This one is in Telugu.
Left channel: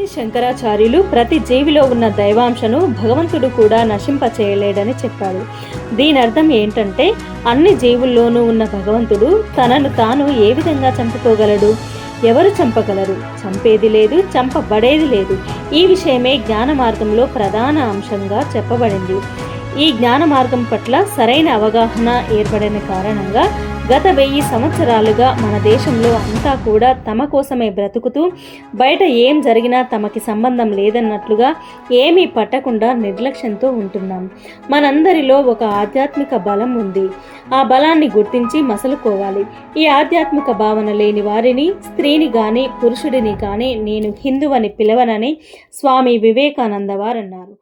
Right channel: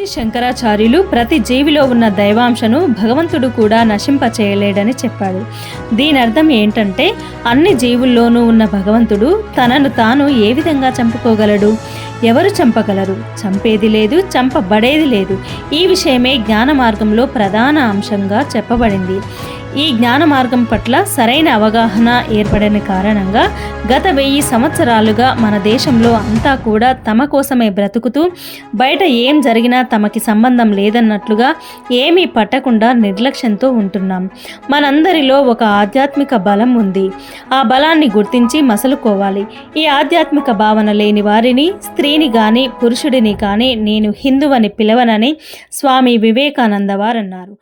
ఆది శంకరాచార్యులు ప్రతి జీవిలో ఉన్న దైవాంశను భగవంతుడు కూడా నశింపచేయలేడని చెప్పాడు. దీని అర్థం ఏంటంటే అన్ని జీవుల్లోనూ ఉన్న భగవంతుడు తనను తాను ఏ విధంగా చంపుకోగలడు? ఎవరు చంపగలరు? చంపేది లేదు చంపబడేది లేదు. ఈ విషయమే జ్ఞాన మార్గంలో ప్రధాన అంశంగా చెప్పబడింది. ఈ జ్ఞాన మార్గం పట్ల సరైన అవగాహన ఏర్పడిన కారణంగా గత వెయ్యి సంవత్సరాలుగా మన దేశంలో అంతా కూడా తమ కోసమే బ్రతుకుతూ బయట ఏం జరిగినా తమకి సంబంధం లేదన్నట్లుగా ఏమీ పట్టకుండా నిర్లక్ష్యంతో ఉంటున్నాం. మనందరిలో ఒక ఆధ్యాత్మిక బలం ఉంది. ఆ బలాన్ని గుర్తించి మసలుకోవాలి. ఈ ఆధ్యాత్మిక భావన లేని వారిని స్త్రీని కానీ పురుషుడిని కానీ నేను హిందువని పిలవనని స్వామి వివేకానంద వారు అన్నారు